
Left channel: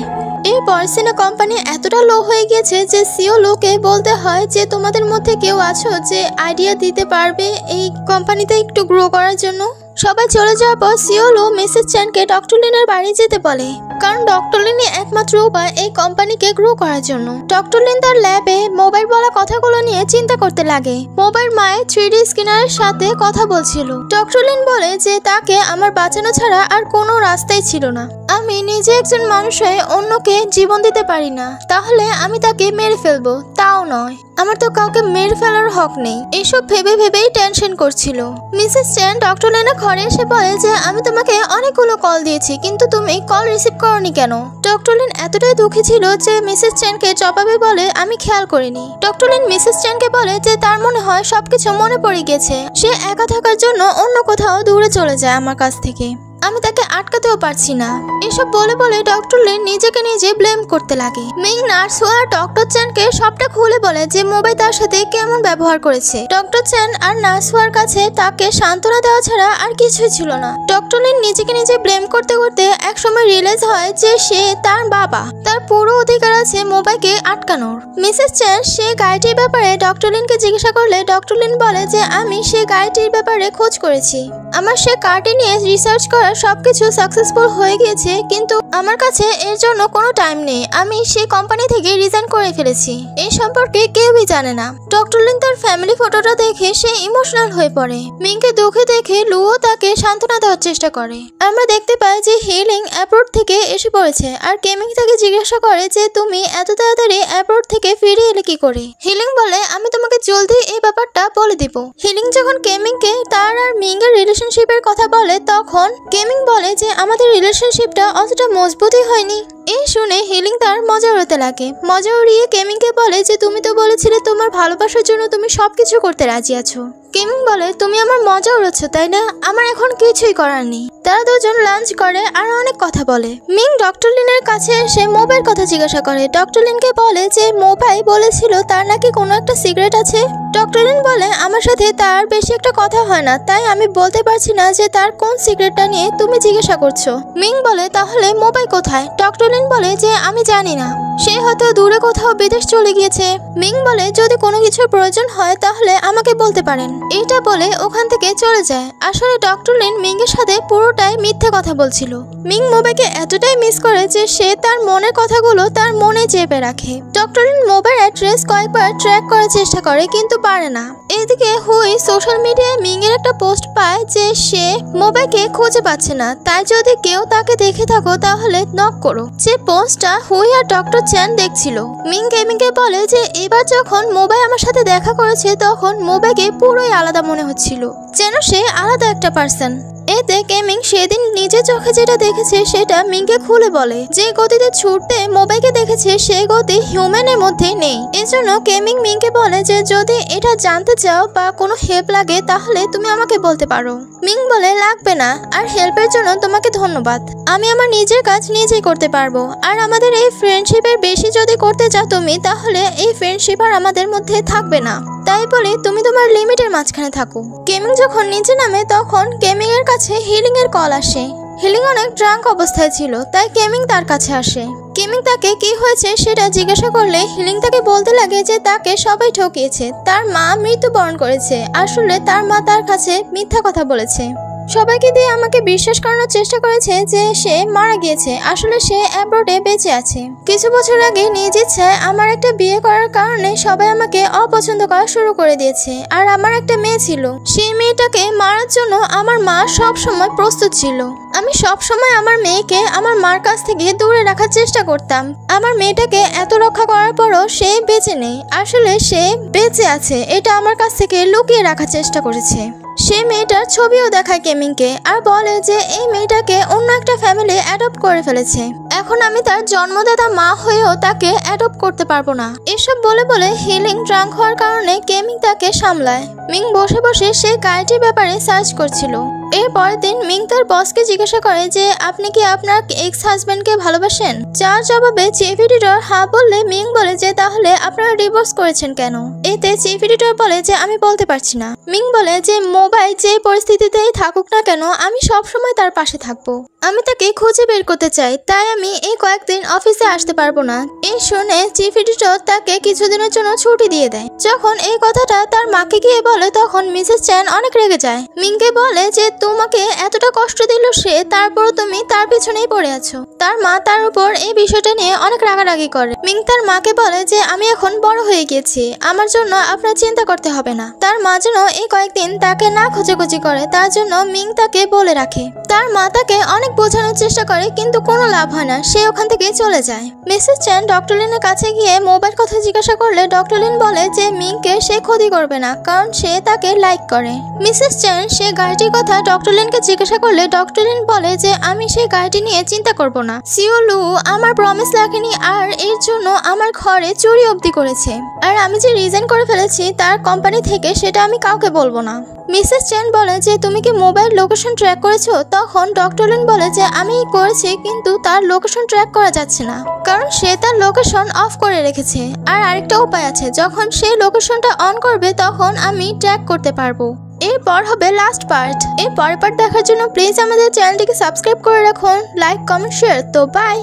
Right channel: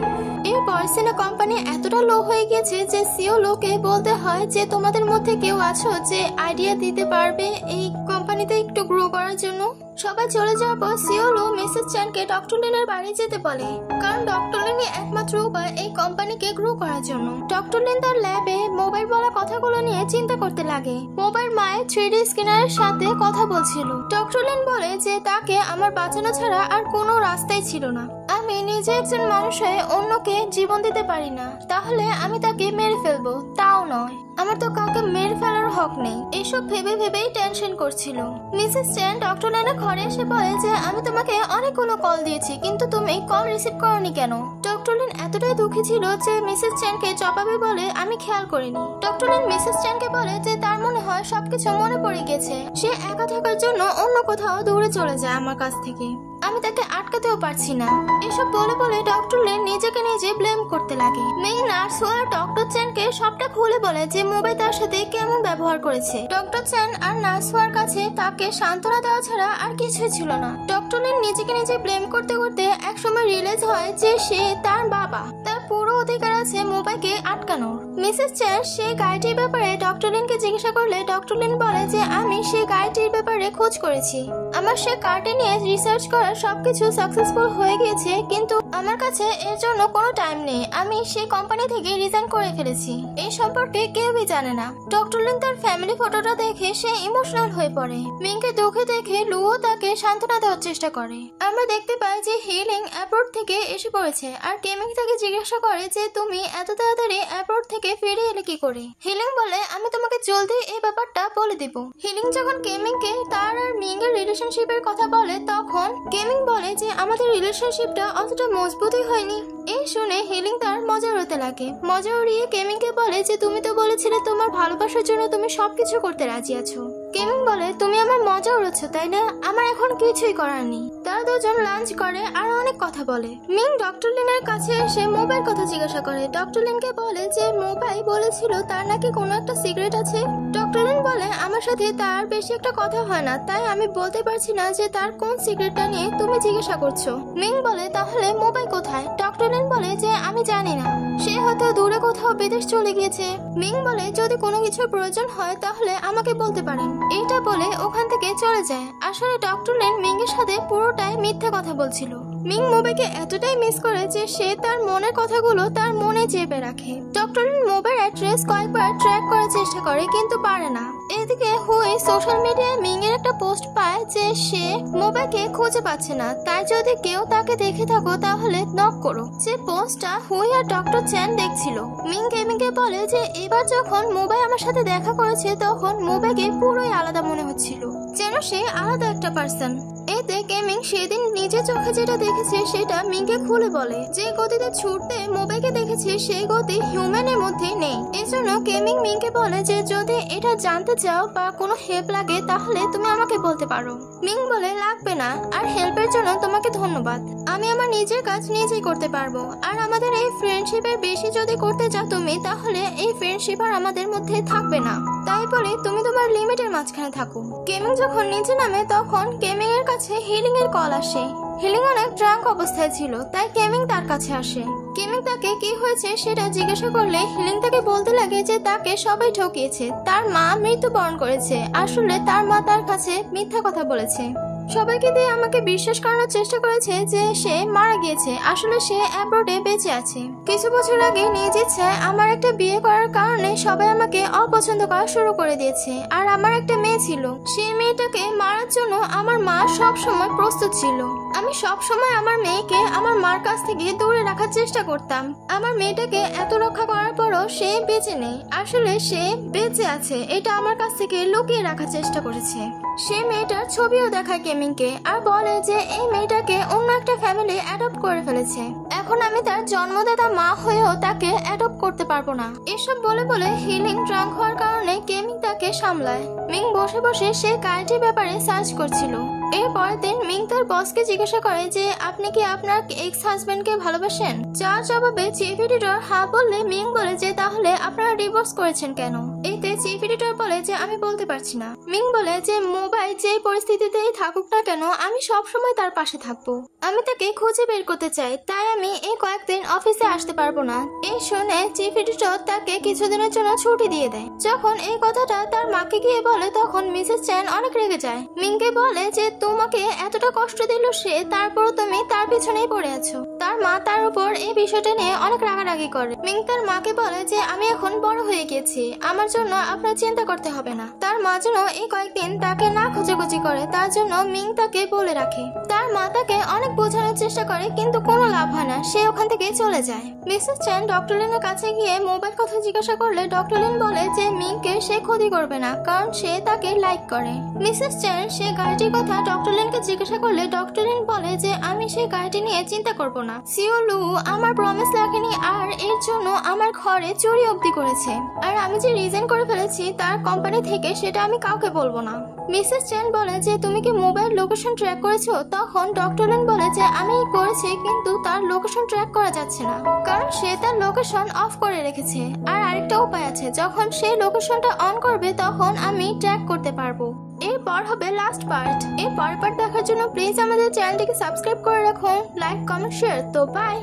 এরপর সিনা কোম্পানি এতটা লো হয়ে গেছে যে সিও লোকে বলতে হয় যে তোমাদের মধ্যে কেউ আছো যে আইডিয়া দিতে পারবে এই কোম্পানিতে একটু গ্রো করার জন্য। সবাই চলে যাওয়ার পর সিওলো মিসেস চ্যানকে ডক্টর লিনের বাড়ি যেতে বলে, কারণ ডক্টর লিনই একমাত্র উপায় এই কোম্পানিকে গ্রো করার জন্য। ডক্টর লিন তার ল্যাবে মোবাইল বলা কথাগুলো নিয়ে চিন্তা করতে লাগে। মোবাইল মায়ের 3D স্ক্যানারের সাথে কথা বলছিল। ডক্টর লিন বলে যে তাকে আমার বাঁচানো ছাড়া আর কোনো রাস্তাই ছিল না। আমি নিজে একজন মানুষ হয়ে অন্যকে জীবন দিতে পারি না, তাহলে আমি তাকে মেরে ফেলবো, তাও নয়। আমার তো কাউকে মেরে ফেলার হক নেই। এসব ভেবে ভেবেই টেনশন করছিল। মিসেস চ্যান ডক্টর লিনের ঘরে এসে বলে যে আমি তোমাকে অনেকগুলো কল দিয়েছি কিন্তু তুমি কল রিসিভ করোনি কেন? ডক্টর লিন এতটাই দুঃখী ছিল যে মিসেস চ্যানকে জবাবে বলে আমি খেয়াল করিনি। ডক্টর লিন মিসেস চ্যানকে বলে যে তার মনে হয় সবকিছু মনে পড়ে গেছে, সে একা থাকার জন্য অন্য কোথাও দূরে চলে যায় আমার কাছ থেকে, আমি তাকে আটকাতেও পারছি না। এসব বলে বলে ডক্টর লিন নিজেকে নিজে ব্লেম করতে লাগে। মিং নার্স আর ডক্টর চ্যানকে সবটা খুলে বলে যে মোবাই তার সাথে কেমন ব্যবহার করেছে। ডক্টর চ্যান আর নার্স হওয়ার কাছে তাকে সান্ত্বনা দেওয়া ছাড়া আর কিছুই ছিল না। ডক্টর লিন নিজেকে নিজে ব্লেম করতে করতে একসময় রিয়েলাইজ হয় যে সে তার বাবা, তার পুরো অধিকার আছে মোবাইকে আটকানোর। মিসেস চ্যান সে গাড়িটির ব্যাপারে ডক্টর লিনকে জিজ্ঞাসা করলে ডক্টর লিন বলে যে আমি সে গাড়িটির ব্যাপারে খোঁজ করেছি, আমার সে কারটি নিয়ে রিসার্চ করা সবকিছু সাকসেসফুল হয়ে গিয়েছে, কিন্তু আমার কাছে এর জন্য কোনো টাইম নেই। আমি সেই কোম্পানি থেকে রিজাইন করে ফেলেছি। এই সম্পর্কে কেউই জানে না। ডক্টর লিন তার ফ্যামিলি ফটোটা দেখে সে ইমোশনাল হয়ে পড়ে। মিংকে দুঃখে দেখে লুও তাকে সান্ত্বনা দেওয়ার চেষ্টা করে। আমরা দেখতে পাই যে হিলিং অ্যাব্রোড থেকে এসে পড়েছে আর কেমিং তাকে জিজ্ঞাসা করে যে তুমি এত তাড়াতাড়ি অ্যাব্রোড থেকে ফিরে এলে কি করে? হিলিং বলে আমি তোমাকে জলদি এই ব্যাপারটা বলে দিব। হিলিং যখন কেমিংকে তার আর মিংয়ের রিলেশনশিপের কথা বলে তখন কেমিং বলে যে আমাদের রিলেশনশিপটা অতটা মজবুতই হয়নি। এই শুনে হিলিং তার মজা উড়াতে লাগে। মজা উড়িয়ে কেমিংকে বলে যে তুমি তো বলেছিলে তোমার ভালোবাসার জন্য তুমি সবকিছু করতে রাজি আছো। কেমিং বলে তুমি আমার মজা উড়াচ্ছ তাই না, আমার এখন কিছুই করার নেই। তারা দুজন লাঞ্চ করে আর অনেক কথা বলে। মিং ডক্টর লিনের কাছে এসে মোবাইল কথা জিজ্ঞাসা করে। ডক্টর লিনকে বলে যে মোবাইল বলেছিল তার নাকি কোনো একটা সিক্রেট আছে। ডক্টর লিন বলে আমার সাথে তার বেশি একটা কথা হয় না, তাই আমি বলতে পারছি না যে তার কোন সিক্রেটটা নিয়ে তুমি জিজ্ঞাসা করছো। মিং বলে তাহলে মোবাইল কোথায়? ডক্টর লিন বলে যে আমি জানি না, সে হয়তো দূরে কোথাও বিদেশ চলে গিয়েছে। মিং বলে যদি কোনো কিছুর প্রয়োজন হয় তাহলে আমাকে বলতে পারেন। এইটা বলে ওখান থেকে চলে যায়। আসলে ডক্টর লিন মিংয়ের সাথে পুরোটাই মিথ্যে কথা বলছিল। মিং মোবাইলকে এতটাই মিস করে যে সে তার মনের কথাগুলো তার মনে চেপে রাখে। ডক্টর লিন মোবাইল অ্যাড্রেস কয়েকবার ট্র্যাক করার চেষ্টা করে কিন্তু পারে না। এদিকে হুই সোশ্যাল মিডিয়ায় মিংয়ের একটা পোস্ট পায় যে সে মোবাইলকে খুঁজে পাচ্ছে না, তাই যদি কেউ তাকে দেখে থাকো তাহলে নক করো। যে পোস্টটা হুই আর ডক্টর চ্যান দেখছিল। মিং গেমিংকে বলে যে এবার যখন মোবাইল আমার সাথে দেখা করেছে তখন মোবাইলকে পুরোই আলাদা মনে হচ্ছিল, যেন সে আলাদা একটা পার্সন। এতে কেমিং সেদিন নিজের চোখে যেটা দেখেছে সেটা মিংকে খুলে বলে। যে গতিতে ছুটতে মোবাইলকে দেখেছে সেই গতি হিউম্যানের মধ্যে নেই। এজন্য কেমিং মিংকে বলে যে যদি এটা জানতে চাও বা কোনো হেল্প লাগে তাহলে তুমি আমাকে বলতে পারো। মিং বলে লাগবে না, আর হেল্পের জন্য তোমাকে ধন্যবাদ, আমি আমার নিজের কাজ নিজেই করতে পারবো। আর আমাদের এই ফ্রেন্ডশিপের বেশি যদি করতে চাও তুমি তাহলে এই ফ্রেন্ডশিপ আর আমাদের মধ্যে থাকবে না, তাই বলে তুমি তোমার লিমিটের মাঝখানে থাকো। কেমিং যখন নিচে নামে তখন কেমিং এর কাছে হিলিং এর কল আসে। হিলিং অনেক ড্রাঙ্ক অবস্থায় ছিল, তাই কেমিং তার কাছে আসে। কেমিং তাকে কি হয়েছে সেটা জিজ্ঞাসা করলে হিলিং তাকে বলতে লাগে যে তাকে সবাই ঠকিয়েছে, তার মা মৃত্যুবরণ করেছে। আসলে তার মা তার কাছে মিথ্যা কথা বলেছে। সবাইকে দিয়ে আমাকে বিশ্বাস করানোর চেষ্টা করেছে যে সে মারা গিয়েছে, আসলে সে অ্যাব্রোডে বেঁচে আছে। কিছু বছর আগে নিজ ইচ্ছায় আমার একটা বিয়ে করার কারণে সবাই আমাকে অপছন্দ করা শুরু করে দিয়েছে। আর আমার একটা মেয়ে ছিল, সেই মেয়েটাকে মারার জন্য আমার মা সব সময় প্রস্তুত ছিল। আমি সব সময় আমার মেয়েকে আমার মার কাছ থেকে দূরে রাখার চেষ্টা করতাম। আমার মেয়েটাকে এত রক্ষা করার পরও সে বেঁচে নেই, আসলে সে বেঁচে আছে এটা আমার কাছ থেকে লুকিয়ে রাখার চেষ্টা করেছে। সে মেয়েটার ছবিও দেখায় কেমিংকে আর বলে যে এই মেয়েটাকে অন্য একটা ফ্যামিলি অ্যাডপ্ট করে ফেলেছে। এখন আমি তার জন্মদাতা মা হয়েও তাকে অ্যাডপ্ট করতে পারবো না। এসব বলে বলে হিলিং ড্রাঙ্ক হওয়ার কারণে কেমিং তাকে সামলায়। মিং বসে বসে সে গাড়িটির ব্যাপারে সার্চ করছিল। এর পরের দিন মিং তার বসকে জিজ্ঞাসা করে যে আপনি কি আপনার এক্স হাজবেন্ডকে ভালোবাসেন? যার জবাবে চিফ এডিটর হ্যাঁ বললে মিং বলে যে তাহলে আপনারা ডিভোর্স করেছেন কেন? এতে চিফ এডিটর বলে যে আমি বলতে পারছি না। মিং বলে যে মোবাইল যে পরিস্থিতিতেই থাকুক না কেন আমি সব সময় তার পাশে থাকবো। আমি তাকে খুঁজে বের করতে চাই, তাই আমি এই কয়েকদিন অফিসে আসতে পারবো না। এই শুনে চিফ এডিটর তাকে কিছুদিনের জন্য ছুটি দিয়ে দেয়। যখন এই কথাটা তার মাকে গিয়ে বলে তখন মিসেস চ্যান অনেক রেগে যায়। মিংকে বলে যে তোমাকে এতটা কষ্ট দিল সে, তারপরও তুমি তার পিছনেই পড়ে আছো। তার মা তার উপর এই বিষয়টা নিয়ে অনেক রাগারাগি করে। মিং তার মাকে বলে যে আমি এখন বড় হয়ে গেছি, আমার জন্য আপনার চিন্তা করতে হবে না। তার মা যেন এই কয়েকদিন তাকে না খোঁজাখুঁজি করে তার জন্য মিং তাকে বলে রাখে। তার মা তাকে অনেক বোঝানোর চেষ্টা করে কিন্তু কোনো লাভ হয় না, সে ওখান থেকে চলে যায়। মিসেস চ্যান ডক্টর লিনের কাছে গিয়ে মোবাইল কথা জিজ্ঞাসা করলে ডক্টর লিন বলে যে মিংকে সে ক্ষতি করবে না, কারণ সে তাকে লাইক করে। মিসেস চ্যান সে গাড়িটির কথা ডক্টর লিনকে জিজ্ঞাসা করলে ডক্টর লিন বলে যে আমি সেই গাড়িটি নিয়ে চিন্তা করব না। সিওলু আমার প্রমিস রাখেনি আর এর জন্য আমার ঘরে চুরি অবধি করেছে। আর আমি যে রিজাইন করে ফেলেছি তার কোম্পানি থেকে সেটা আমি কাউকে বলবো না। মিসেস চ্যান বলে যে তুমি কি মোবাইল লোকেশন ট্র্যাক করেছো? তখন ডক্টর লিন বলে যে আমি করেছি কিন্তু তার লোকেশন ট্র্যাক করা যাচ্ছে না, কারণ সে তার লোকেশন অফ করে রেখেছে। আর আরেকটা উপায় আছে, যখন সেই লোকেশনটা অন করবে তখন আমি ট্র্যাক করতে পারবো। এরপর হবে লাস্ট পার্ট। এর পরের পার্ট দেখার জন্য প্লিজ আমাদের চ্যানেলটিকে সাবস্ক্রাইব করে রাখুন, লাইক কমেন্ট শেয়ার। তো বাই।